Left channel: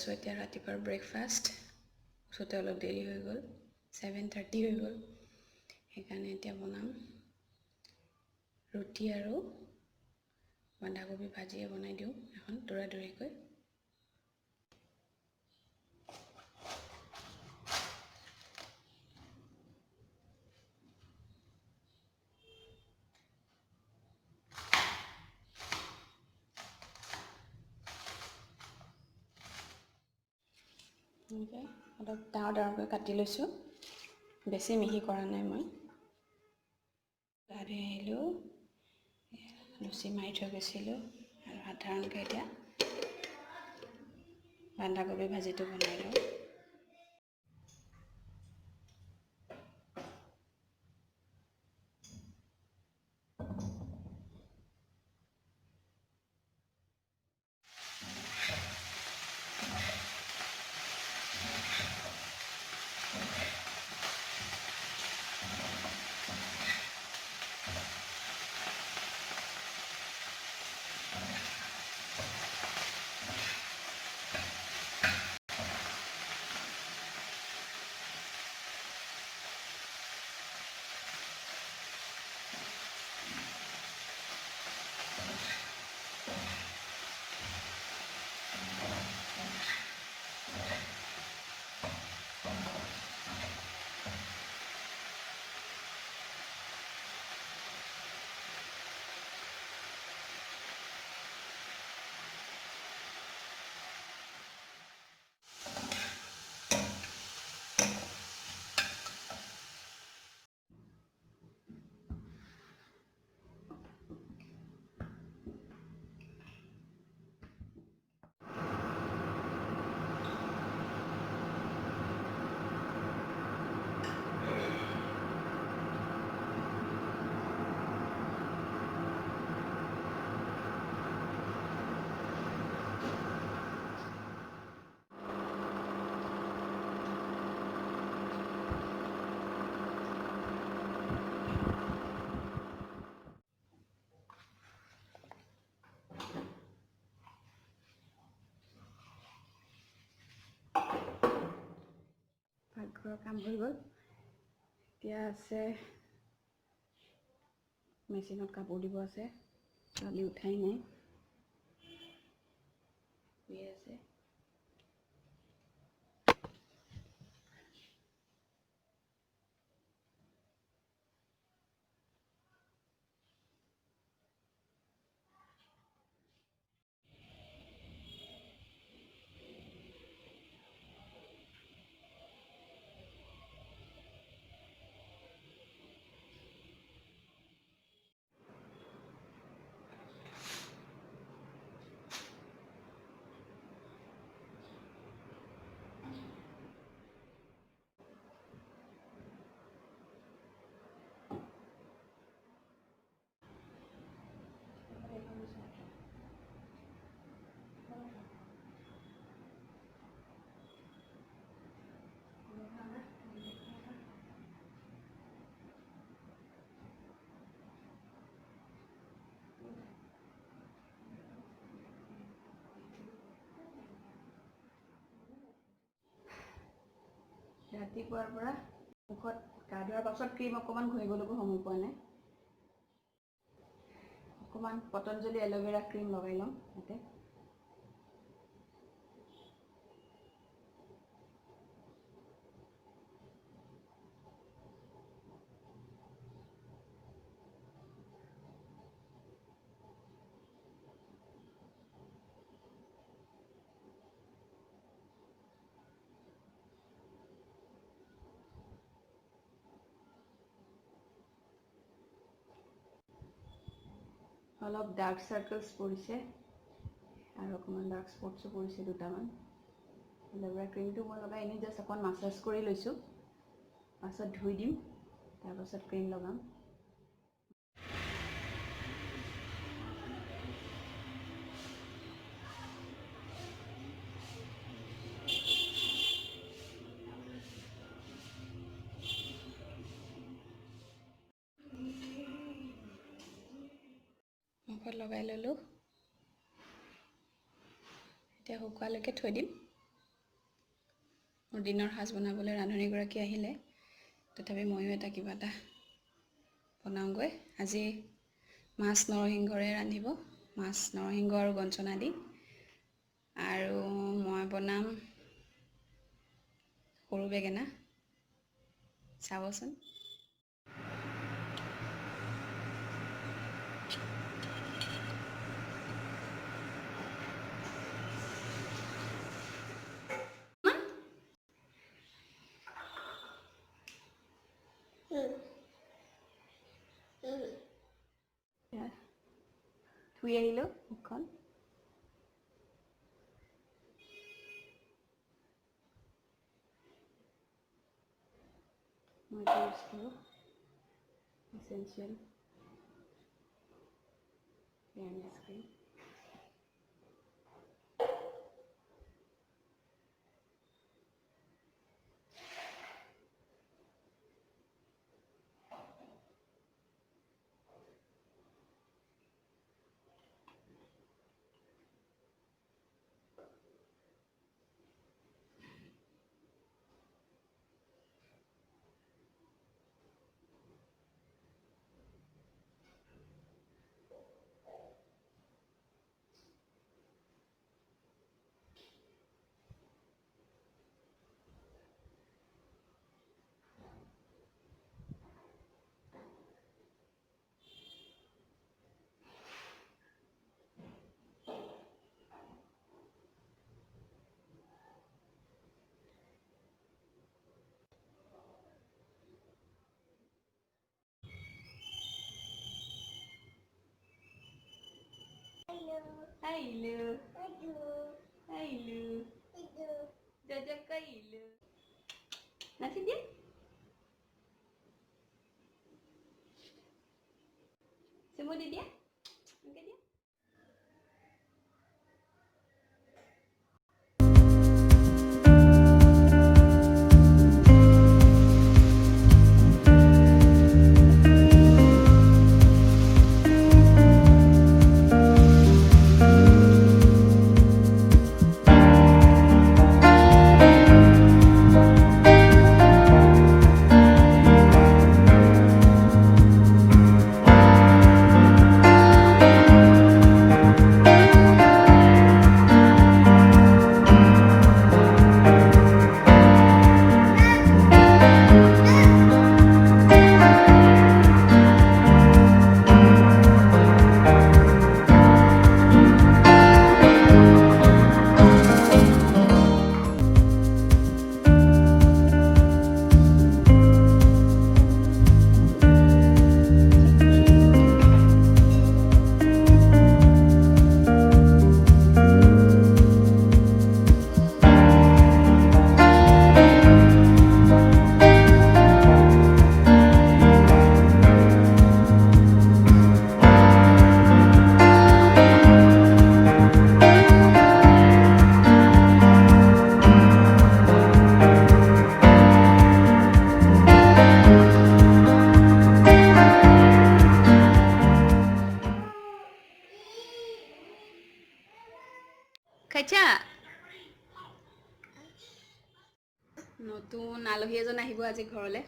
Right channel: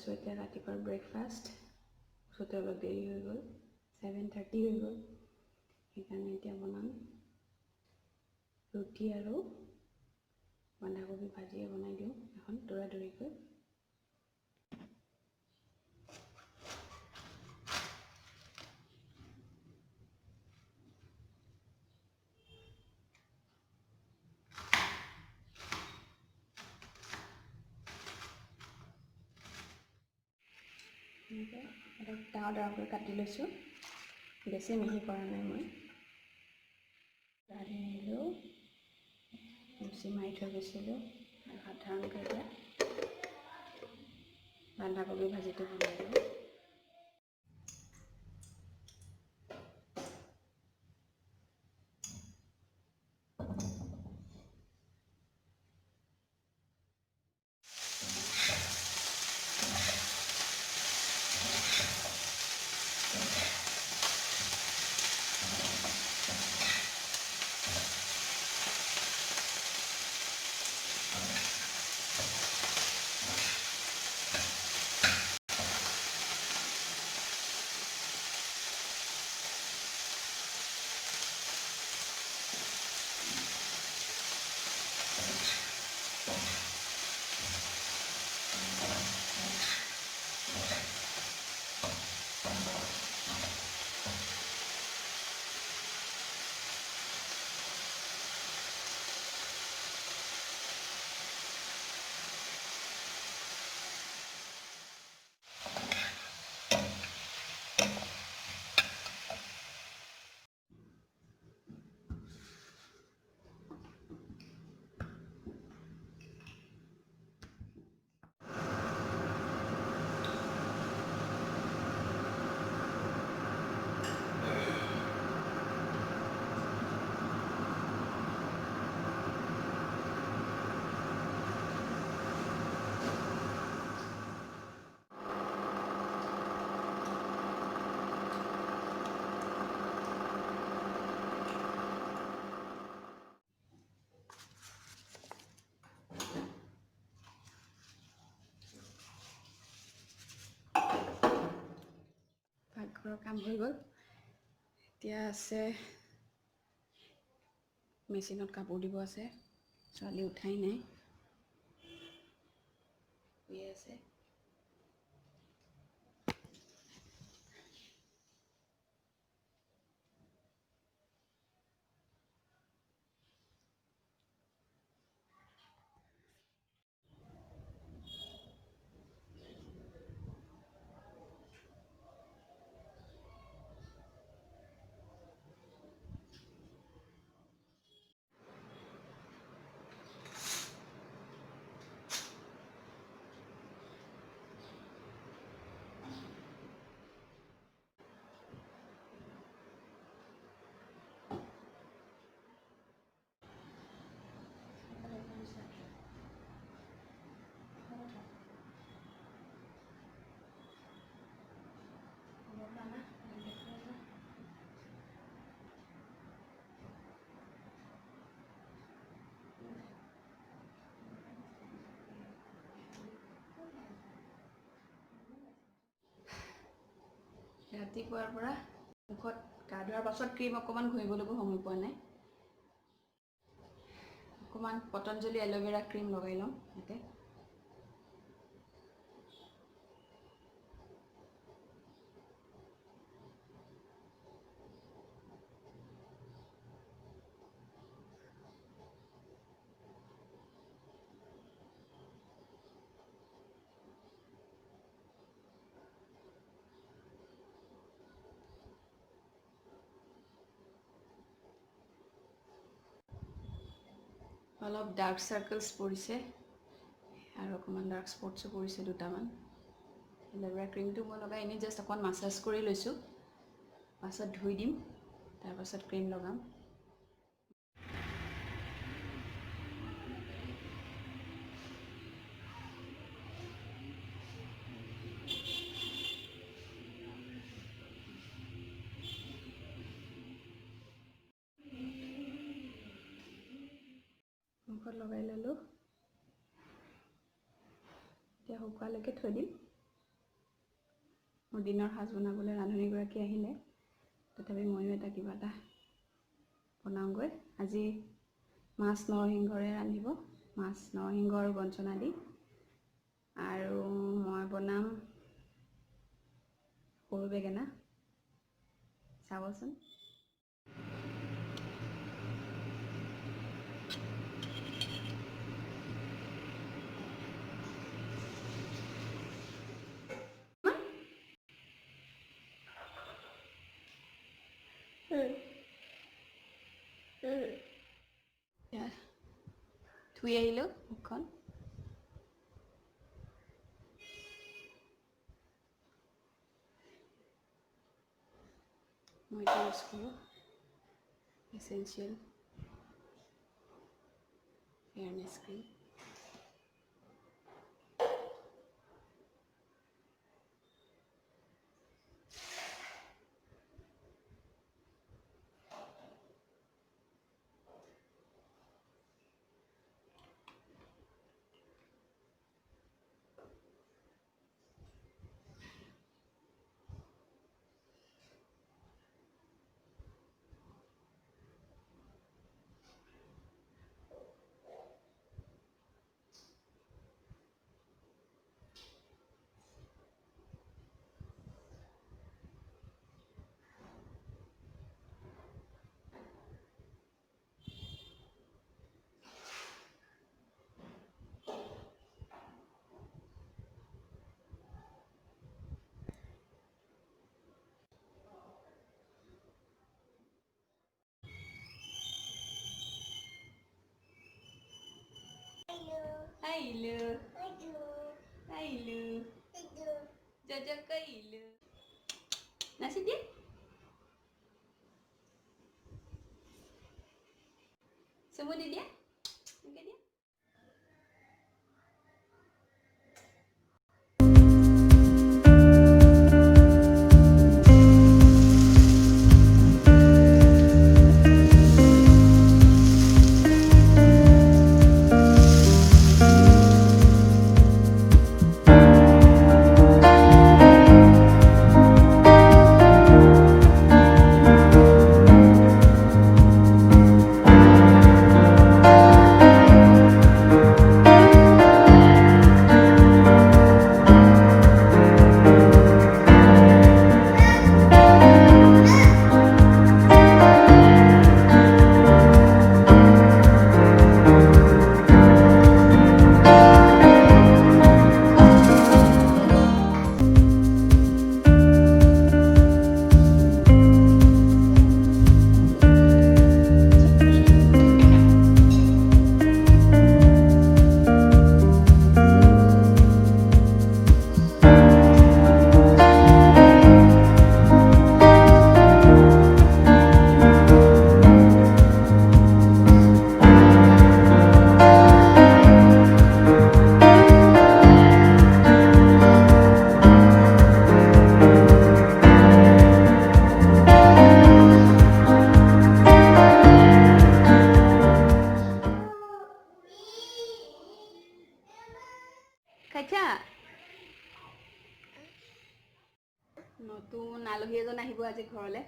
আছোঁ এতিয়া ৰাতিপুৱাৰ ব্ৰেকফাষ্ট উঠোতে অলপ দেৰি হৈ গ'ল 7:30 হৈ গ'ল সেইকাৰণে এতিয়া বনাম ৰুটি আৰু বন্ধাকবি ভাজিয়ে বনাই দিওঁ এখন দৌৰা-দৌৰিকৈ এনেকৈ অলপ ডাঙৰকৈ কাটি লৈছোঁ বেছি মিহি কৰা নাই মই গা ধুই আহিলোঁ লুচি মাৰি থৈ গৈছিলোঁ আৰু সাধাৰণকৈ এতিয়া বন্ধাকবি ভাজিটো বনাই লওঁ পাকঘৰৰ কাম হৈ গ'ল এতিয়া আছে মেচিনত কাপোৰ দিব আছে ছোৱালী উঠাই নাই শুই আছে ৰাতিপুৱাৰ পৰা মুখত গা ধোৱাৰ পাছত ক্ৰীম অকণমান ঘঁহিবলৈকো সময় পোৱা নাই অকণমান পতঞ্জলি এল'ভেৰা ক্ৰীম লগাই লওঁ ইয়াতে অলপ ডাৰ্ক চাৰ্কলছ পৰিছে আৰু অকণমান ডাৰ্ক স্পটছো পৰিছে দুটামান এল'ভেৰা ক্ৰীমটো মই লগাই এনেই জাষ্ট অকণমান মাছাজ কৰি লৈছোঁ পাছত ধুই দিম তাৰপাছত ক্ৰীম লগাম মুখত লগাই ল'লোঁ এতিয়া শুকুৱালৈকে থৈ দিম মোৰ দিনৰ সাজ বনাবলৈ ৰান্ধনীগৰাকী আহিলে, তথাপি ময়ো কিবা এটা বনাওঁগৈ। আজি মাছ নৰসিংহৰে ৰান্ধিব, মাছ নৰসিংহ আৰু গঞ্চনা দি। আৰু মই বনাম সৰু বেঙেনা। চাবচোন। ধুই আহিলোঁ মুখখন। মই এইটো ইউজ কৰোঁ, essential fairness cream. Hello. Jajak kailu. Nasi dia? Semua dia? Makan dia? খাইছা? নতুন আলহী এজন আহিব আজি ঘৰলৈ,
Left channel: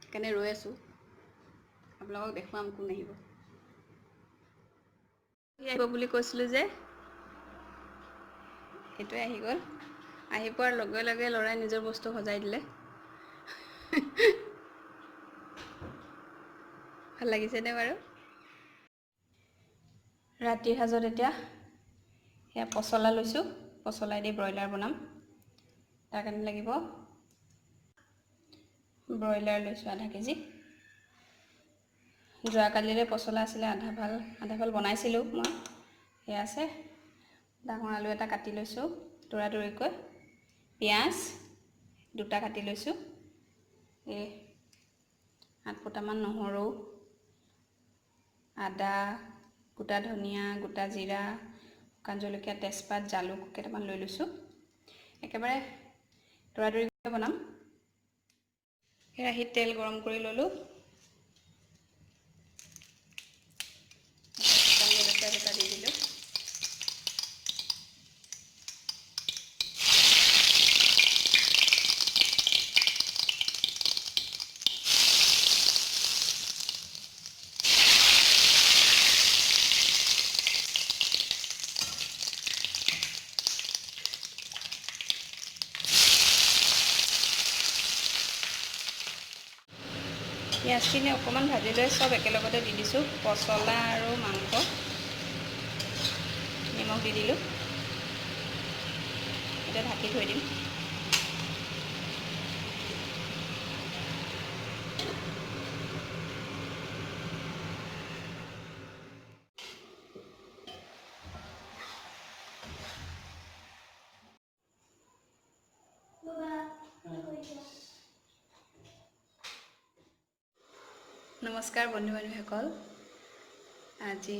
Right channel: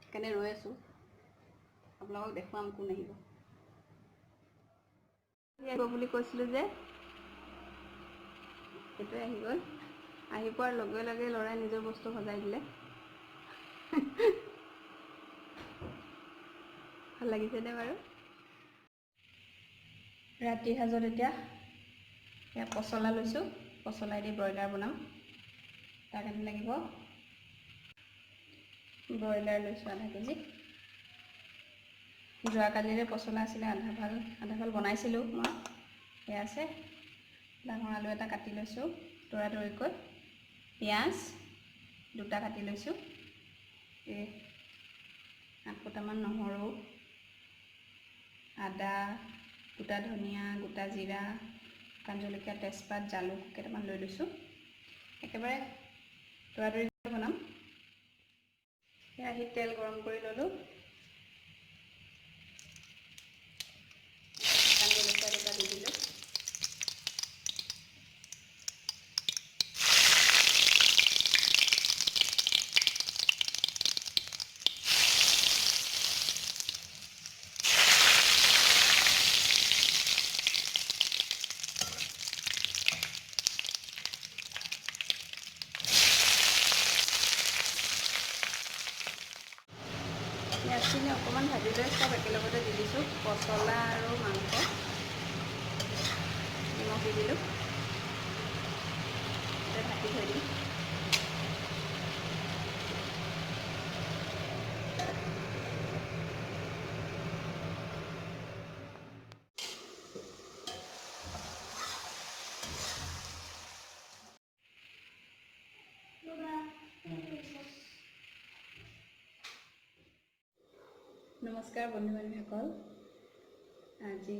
সেইকাৰণে ৰৈ আছোঁ। আপোনালোকক দেখুৱাম কোন আহিব। আহিব বুলি কৈছিলোঁ যে, সেইটোৱে আহি গ'ল। আহি পোৱাৰ লগে লগে ল'ৰাই নিজৰ বস্তু সজাই দিলে। ভাল লাগিছেনে বাৰু? ৰাতিৰ সাজত এতিয়া এয়া পচলা লৈছোঁ, পচলাই দি ব্ৰইলাৰ বনাম। তাৰ কাৰণে লাগিব ব্ৰইলাৰ লৈছোঁ আধা কেজি। যোৱাকালিৰে পচলা আছিলে, আধা ভাল বনাইছিলোঁ মই, সেয়া আছে। ডাঙৰ আলু এটা কাটি লৈছোঁ তৰাতৰিকৈ, পিঁয়াজ 2টা কাটি লৈছোঁ, 8 ফুটামান নহৰু, আদা, গোটা ধনিয়া, গোটা জিৰা, শুকান জলকীয়া, তেজপাত, জালুক কেইটামান লৈ লৈছোঁ। একেবাৰে তৰাতৰিকৈ বনাম। কেৰাহীত তেল গৰম কৰি ল'লোঁ। শুকান জলকীয়া দুটা দি দিলোঁ। পিঁয়াজখিনি অকণমান ভাজি লৈ চব একেলগতে দি দিছোঁ, পচলা আৰু মাংস। নিমখ দি দিলোঁ, এতিয়া ঢাকি থৈ দিম। নমস্কাৰ বন্ধু বান্ধৱীসকল, আজি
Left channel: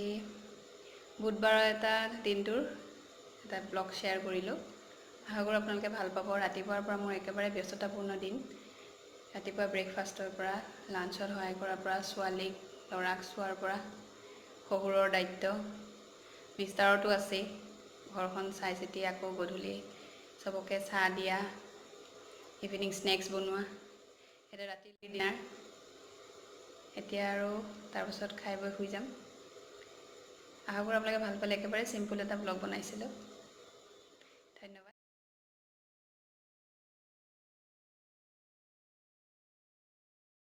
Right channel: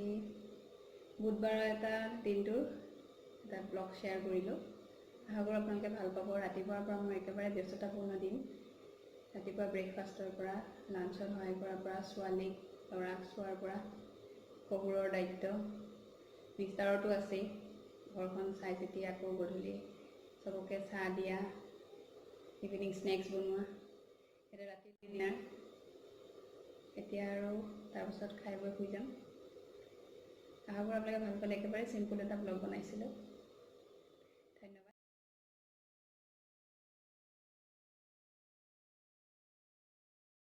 বুধবাৰৰ এটা দিনটোৰ এটা ব্লগ শ্বেয়াৰ কৰিলোঁ। আশা কৰোঁ আপোনালোকে ভাল পাব। ৰাতিপুৱাৰ পৰা মোৰ একেবাৰে ব্যস্ততাপূৰ্ণ দিন। ৰাতিপুৱা ব্ৰেকফাষ্টৰ পৰা, লাঞ্চত সহায় কৰাৰ পৰা, ছোৱালীক ল'ৰাক চোৱাৰ পৰা, শহুৰৰ দায়িত্ব, বিস্তাৰতো আছেই, ঘৰখন চাই চিতি আকৌ গধূলি চবকে চাহ দিয়া, ইভিনিং স্নেক্স বনোৱা, এতিয়া ৰাতি ডিনাৰ। এতিয়া আৰু তাৰপাছত খাই বৈ শুই যাম। আশা কৰোঁ আপোনালোকে ভাল পালে। একেবাৰে চিম্পুল এটা ব্লগ বনাইছিলোঁ।